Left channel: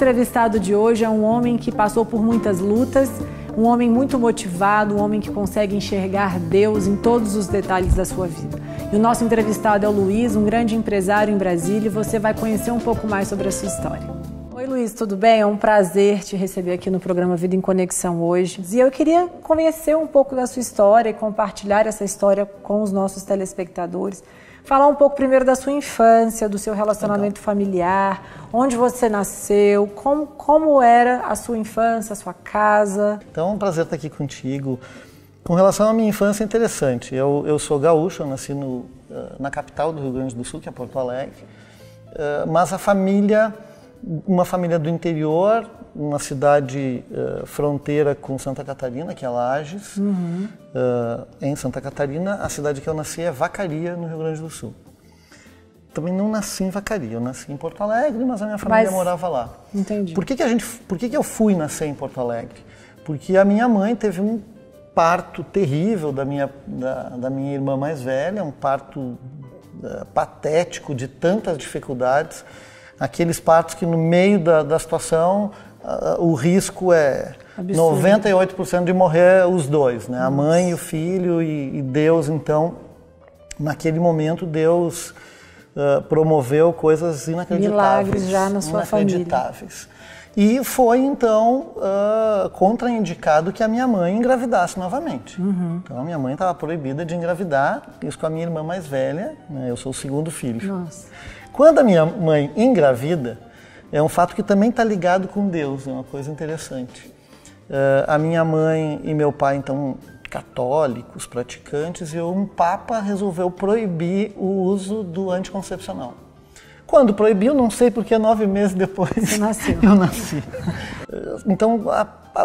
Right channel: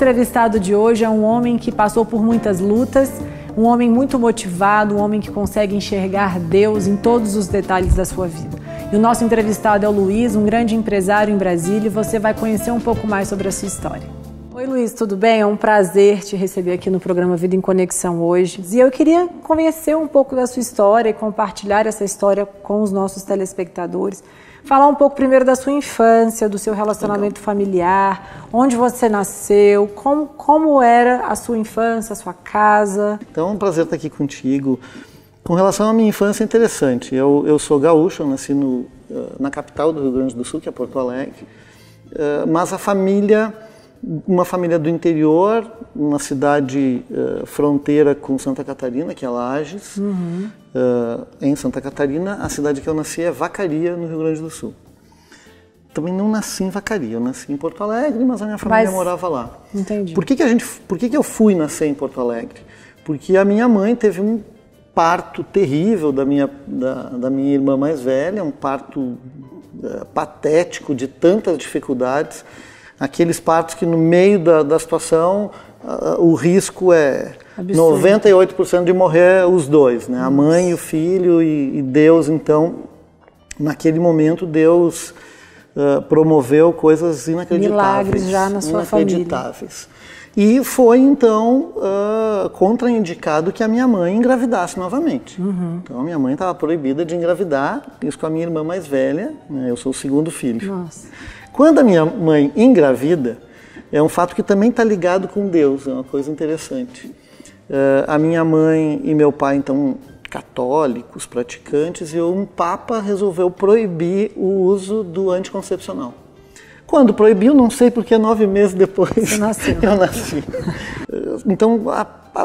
entrevistado de hoje é um homem que passou por muitas lutas, um homem muito motivado, um homem que consegue enxergar Deus em todos os detalhes da sua vida. E o nosso entrevistado é o Luiz, um grande empresário em Brasília, e você vai conhecer um pouco mais sobre a sua história. Oi Luiz, tudo bem? É um prazer te receber aqui no programa Vida em Conexão hoje. E eu queria conhecer um pouco da sua história e compartilhar essa história com os nossos telespectadores. Falar um pouco primeiro da sua infância, do seu relacionamento familiar, onde você nasceu, como era a sua infância, a sua casa. Então é um prazer estar aqui contigo. Com relação à minha infância, é interessante. Eu sou gaúcho, eu nasci na capital do Rio Grande do Sul, que é Porto Alegre, mas a família, uma família do interior, uma cidade fronteira com Santa Catarina, que é Lages. Em Santa Catarina, a cidade que eu nasci é Vacaria, no Rio Grande do Sul. Também não nasci em Vacaria, eu nasci em Porto Alegre, mas a minha família morava lá. Entendi. Por que eu fui nascer em Porto Alegre? Porque a minha mãe teve um parto terrível da minha irmã mais velha, um parto patético, de tantas dificuldades. Aqueles partos que no meio da situação o risco é absurdo. 98% de morrer os dois, né? A mãe e o filho, e Deus, então, naquele momento, Deus promoveu coisas inacreditáveis. Milagres já na sua família. E foi, então, contraindicado que a minha mãe engravidasse novamente. Então, a minha mãe estava proibida de engravidar, isso com a minha irmã mais velha, né? Eu sou o segundo filho. Nossa. Quando a minha mãe engravida, é um fato que também está ligado com Deus, é uma coisa interessante. A minha mãe e meu pai, então, católicos, praticantes, e um papa resolveu proibir o uso do anticoncepcional. Quando proibiu, não sei porque 9 meses depois eu nasci. Então,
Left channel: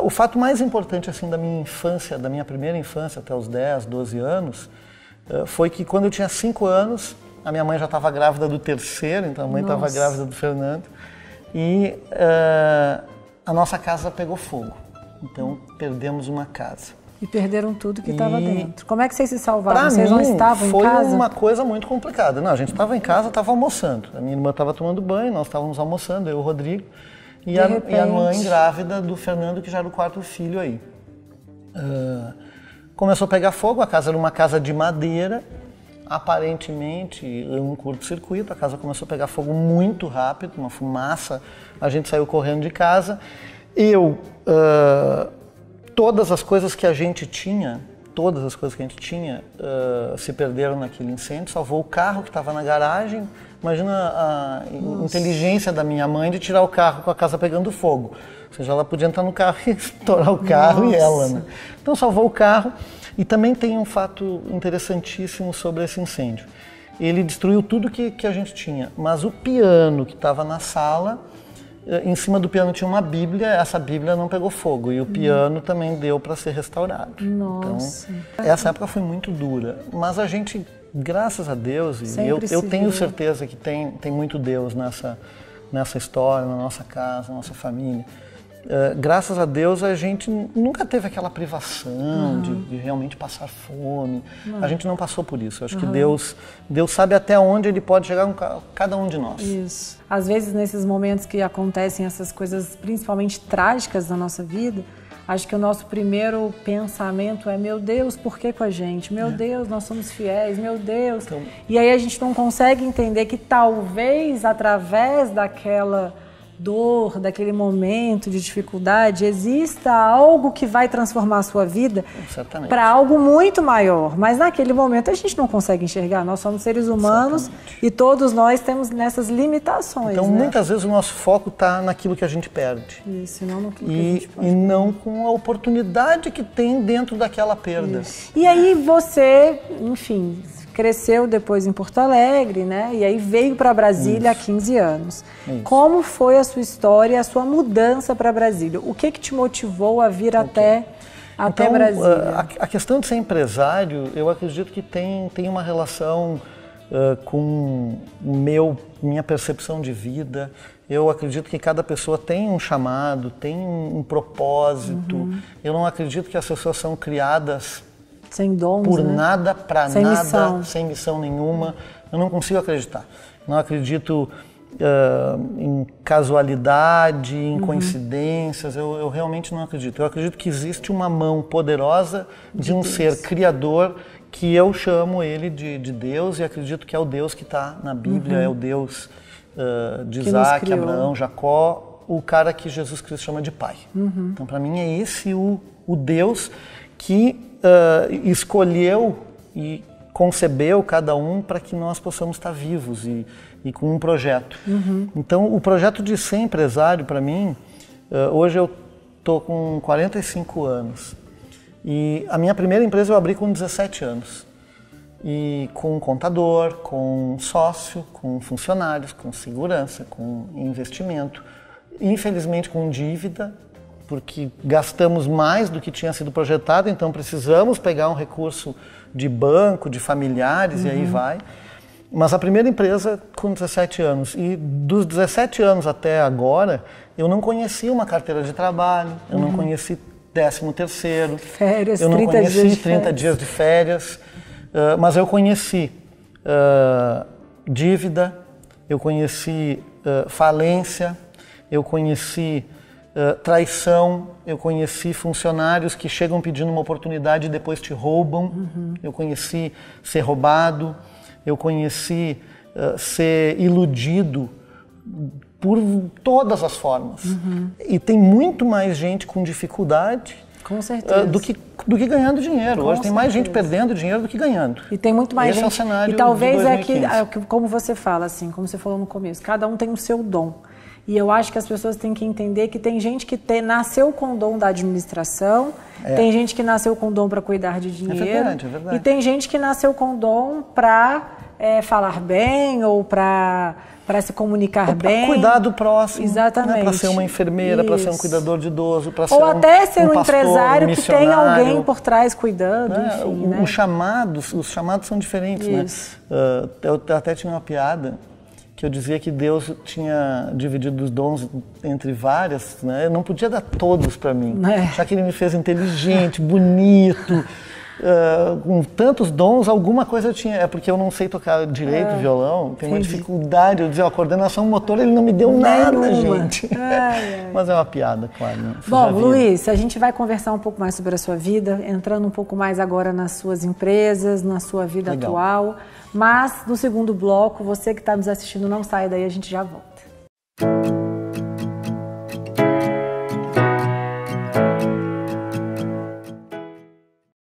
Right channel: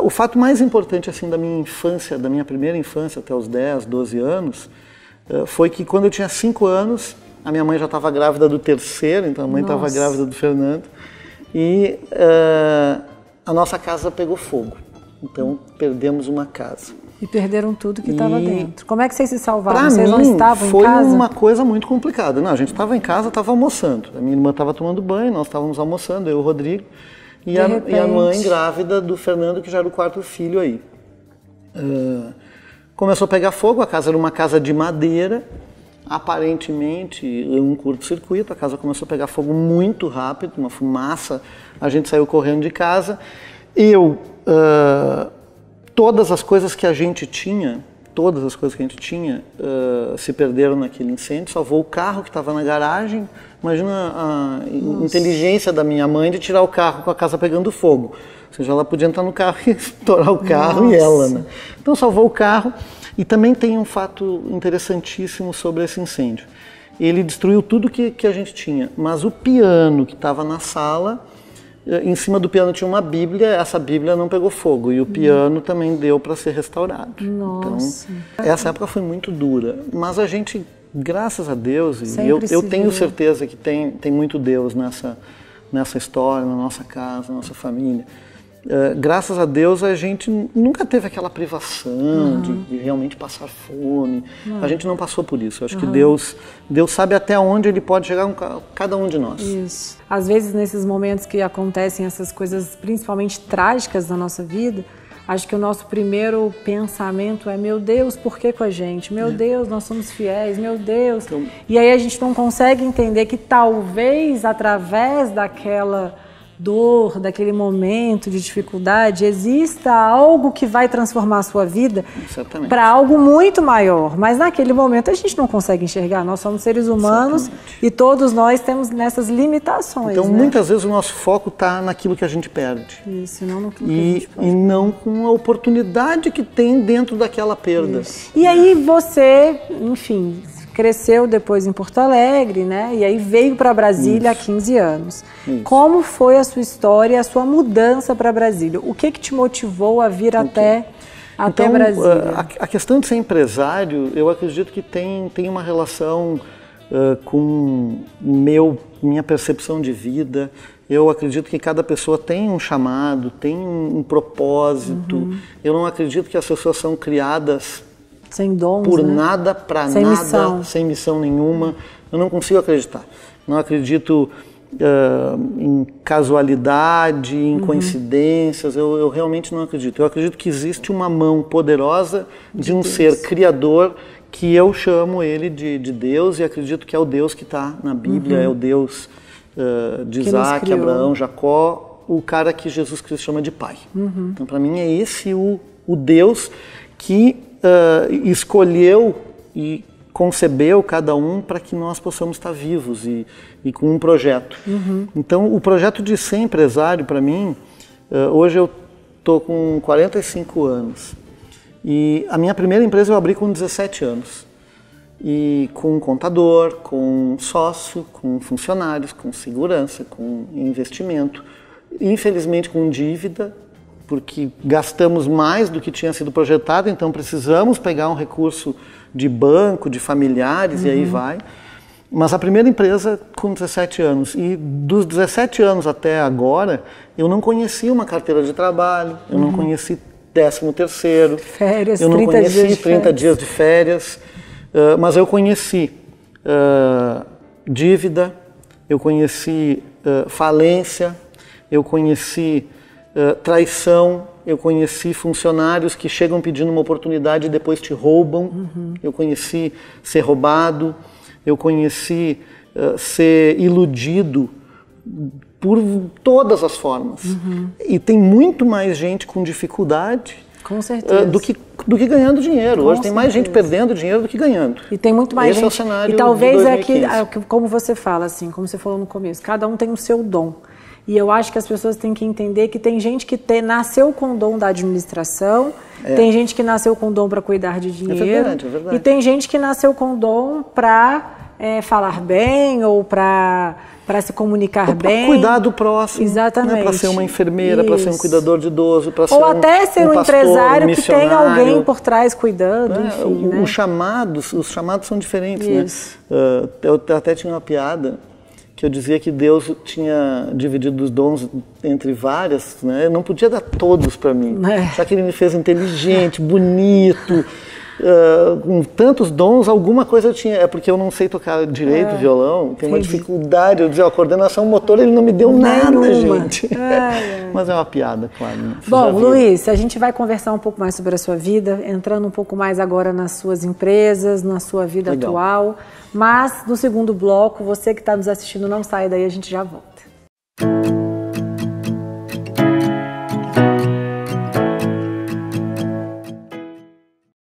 o fato mais importante assim, da minha infância, da minha primeira infância até os 10, 12 anos, foi que quando eu tinha 5 anos, a minha mãe já estava grávida do terceiro, então a mãe estava grávida do Fernando, e a nossa casa pegou fogo. Então, perdemos uma casa. E perderam tudo que estava dentro. Como é que vocês se salvaram? Vocês não estavam em casa? Foi uma coisa muito complicada. Não, a gente estava em casa, estava almoçando. A minha irmã estava tomando banho, nós estávamos almoçando, eu e o Rodrigo. E a mãe grávida do Fernando, que já era o 4º filho aí. Começou a pegar fogo, a casa era uma casa de madeira. Aparentemente, um curto-circuito, a casa começou a pegar fogo muito rápido, uma fumaça. A gente saiu correndo de casa. Todas as coisas que a gente tinha, se perderam naquele incêndio. Salvou o carro que estava na garagem. Imagina a inteligência da minha mãe de tirar o carro com a casa pegando fogo. Ou seja, ela podia entrar no carro e estourar o carro e ela, né? Então salvou o carro. E também tem um fato interessantíssimo sobre esse incêndio. Ele destruiu tudo que a gente tinha, mas o piano que estava na sala, em cima do piano tinha uma Bíblia, essa Bíblia não pegou fogo e o piano também deu para ser restaurado. Nossa. Então, essa época foi muito dura, mas a gente, graças a Deus, e eu tenho certeza que tem muito Deus nessa história, na nossa casa, na nossa família. Graças a Deus a gente nunca teve aquela privação de realmente passar fome. A gente não passou por isso. Eu acho que Deus sabe até onde Ele pode chegar com cada um de nós. Isso. Às vezes nesses momentos que acontecem essas coisas principalmente trágicas da nossa vida, acho que o nosso primeiro pensamento é: meu Deus, por que com a gente? Meu Deus, nós somos fiéis, meu Deus. Então, e aí a gente não consegue entender que talvez através daquela dor, daquele momento de dificuldade, exista algo que vai transformar a sua vida para algo muito maior. Mas naquele momento a gente não consegue enxergar. Nós somos seres humanos e todos nós temos nessas limitações. Então, muitas vezes o nosso foco está naquilo que a gente perde. Isso, não naquilo que a gente pode. E não com a oportunidade que tem dentro daquela perda. Isso. E aí você, enfim, cresceu depois em Porto Alegre, né? E aí veio para Brasília há 15 anos. Como foi a sua história, a sua mudança para Brasília? O que te motivou a vir até Brasília? A questão de ser empresário, eu acredito que tem uma relação com minha percepção de vida. Eu acredito que cada pessoa tem um chamado, tem um propósito. Eu não acredito que as pessoas são criadas sem dons, por nada, para nada, missão. Sem missão nenhuma. Eu não consigo acreditar. Não acredito em casualidade, em coincidências. Eu realmente não acredito. Eu acredito que existe uma mão poderosa de um ser criador que eu chamo ele de Deus, e acredito que é o Deus que está na Bíblia, é o Deus de Isaac, Abraão, Jacó, o cara que Jesus Cristo chama de Pai. Então, para mim, é esse o Deus que escolheu e concebeu cada um para que nós possamos estar vivos e com um projeto. Então, o projeto de ser empresário, para mim, hoje eu estou com 45 anos. E a minha primeira empresa eu abri com 17 anos. E com um contador, com um sócio, com funcionários, com segurança, com investimento. Infelizmente com dívida, porque gastamos mais do que tinha sido projetado, então precisamos pegar um recurso de banco, de familiares, e aí vai. Mas a primeira empresa com 17 anos. E dos 17 anos até agora, eu não conhecia uma carteira de trabalho, eu não conheci 13º, férias, eu não 30 conheci dias de 30 férias. dias de férias, mas eu conheci dívida, eu conheci falência, eu conheci traição, eu conheci funcionários que chegam pedindo uma oportunidade e depois te roubam, eu conheci ser roubado, eu conheci ser iludido por todas as formas. E tem muito mais gente com dificuldade Com certeza. do que ganhando dinheiro. Com Hoje tem mais gente certeza. perdendo dinheiro do que ganhando. E tem muito mais Esse gente. é o cenário e talvez de 2015. é que, como você fala, assim, como você falou no começo, cada um tem o seu dom. E eu acho que as pessoas têm que entender que tem gente que nasceu com o dom da administração, tem gente que nasceu com o dom para cuidar de dinheiro, é verdade. E tem gente que nasceu com o dom para falar bem ou para se comunicar bem. Cuidar do próximo. Exatamente. Né? Para ser uma enfermeira, para ser um Isso. cuidador de idoso, para ser Ou até ser um pastor, empresário que tem missionário. alguém por trás cuidando, Né? enfim, né? Os chamados são diferentes, Isso. né? Eu até tinha uma piada que eu dizia que Deus tinha dividido os dons entre várias, né? Eu não podia dar todos para mim, já que Ele me fez inteligente, bonito, com tantos dons, alguma coisa eu tinha. É porque eu não sei tocar direito violão, tenho uma dificuldade. Eu dizia, a coordenação motora Ele não me deu nada, gente. Mas é uma piada, claro. Né? Bom, Luiz, a gente vai conversar um pouco mais sobre a sua vida, entrando um pouco mais agora nas suas empresas, na sua vida atual. Mas no segundo bloco, você que está nos assistindo, não sai daí, a gente já volta.